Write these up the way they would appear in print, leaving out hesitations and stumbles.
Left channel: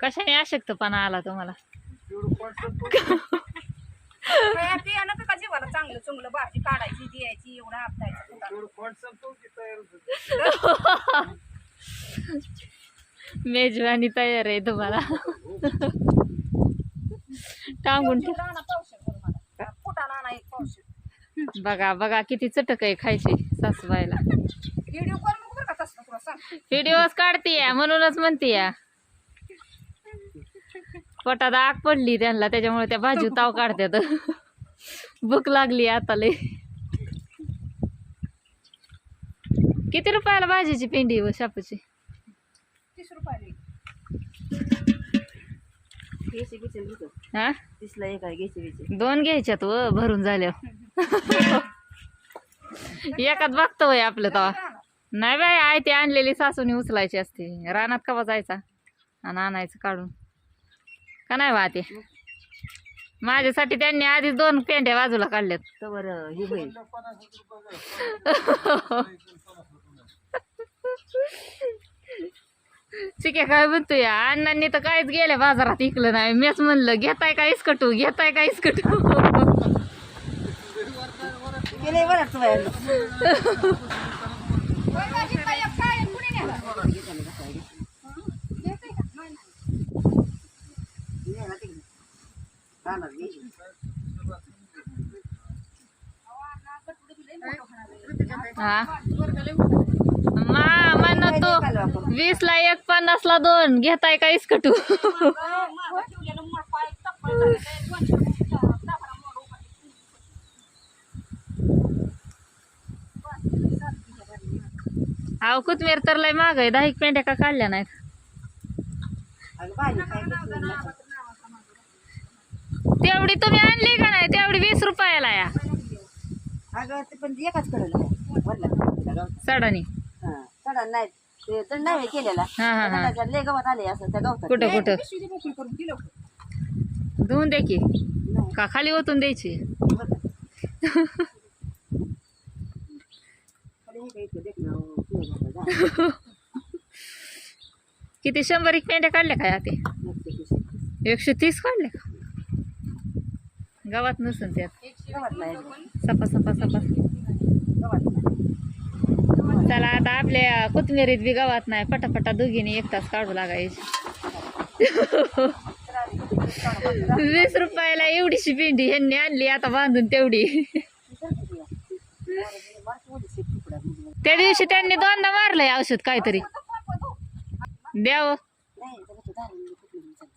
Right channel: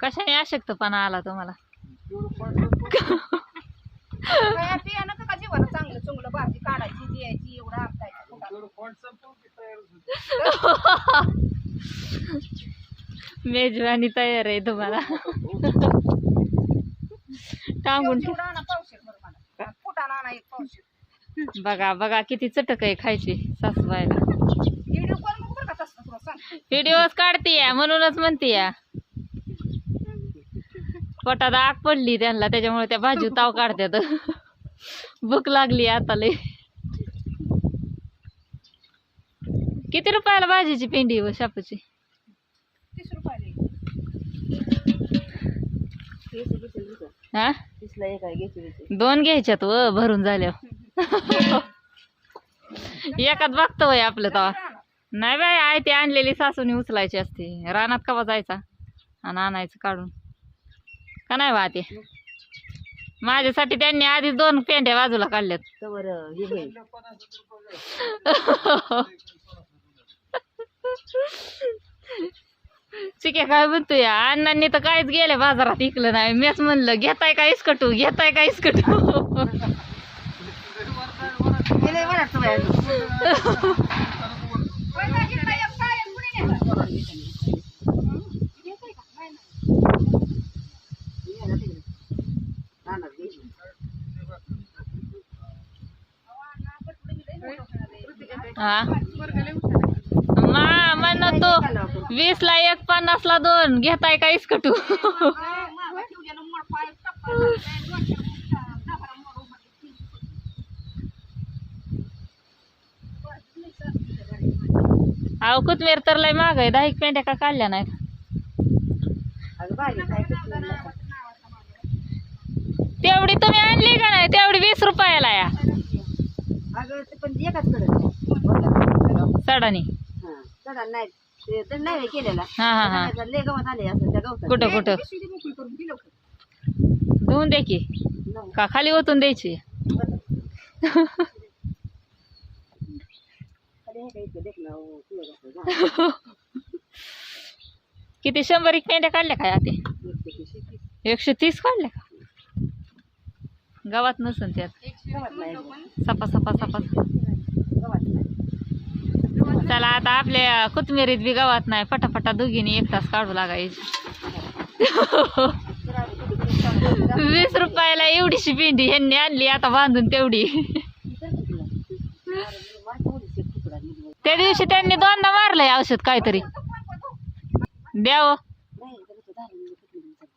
कशाने अशक्तपणा आला तुम्हाला? बियाणं का जीवाला चांगलं चुंगलं भाजी काढायची द्यायची एवढा आपटायचं मेजवानी तयार आहे तुम्हाला. टांगून ठेव. फुटाणा आणा एक पावशेर. बघा बघा किती चटक आहे खायची सासूबाईला. व्हिडिओ कॉल नको बरं का तसं तुला सांग. व्हिडिओज काढतीय म्हणूनच म्हणतीय. पोटात आग पडली त्यांना त्याच्यामुळे त्या भाजी ताव काढतात. भूक लागली आता लय. किती रुपयाला भाजीची पेंडी व शापूची? 30 रुपयाला एक. हा 30ला एक आहे घ्यायची. 2 घ्यायच्यात व भरून झाल्यावर. एकात बघतो वय आपलं तवा. नाही बाय आहे ती आणलेली सासूने उचलायची असते. रानात कवा जायचा आणि आणायचं काढून का नाही वाहते. माझ्यासाठी त्यांनी आधी 2 पेंड्या बाजूला काढल्यात. चिक्या काय म्हणतो या अण्णांनी तर काहीच गेले बाजारात इकलं नाही. मीच म्हणलं घेताय का इसकटू घेताय का इसकटू. हा म्हणतो 20ला 1 50ला 2 घेताय का इसकटू. अहो कोथमीर तर लय महाग आहे. 10 पेंड्या का काढल्या नाहीत. तेवढी तुम्ही आणली का नाही? तेवढी 20 रुपयाला या. पण एकाच कडे सडानी चढा नाही तर नाही केलेला. हा हा हा लय गवत आले असं त्या गवतात. कुठं कुठं धुवून दे की का खाली ओतून द्यायची. किती 100 पेंड्या काढल्या काय ते? 130 काढल्या का? गावात नसून त्यात सपा सपा सपा. चला आता आपल्या कोथमिरीत बी गावात नाही. पटापटा दोघींनी 1 तास काढू लागायची. 20 रुपयाला एवढीशी पेंडी ह्यांनी आणली आता बांधून तेवढी. त्या दिवशी त्यांनी 2दा मारलंय औषध काहीतरी द्यावं.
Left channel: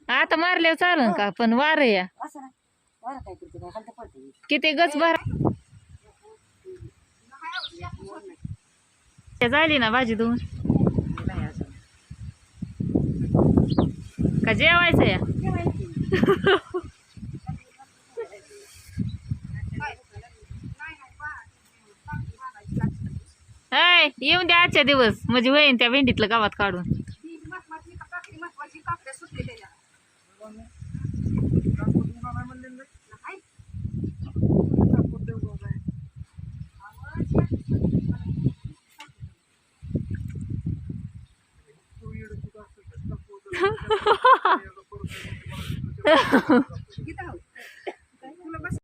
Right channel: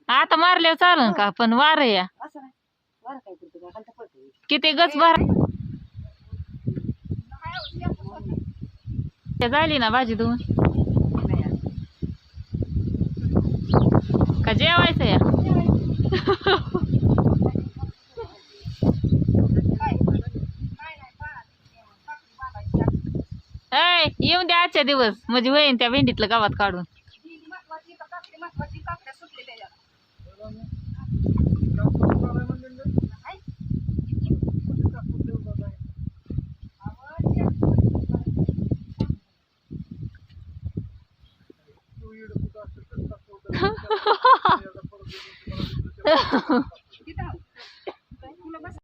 आता मारल्यावर चालन का? पण वार या किती गच भर झाली ना भाजी धुवून का जेवायचं या. येऊन द्या आजच्या दिवस म्हणजे होईन त्या भेंडीतलं गावात काढून.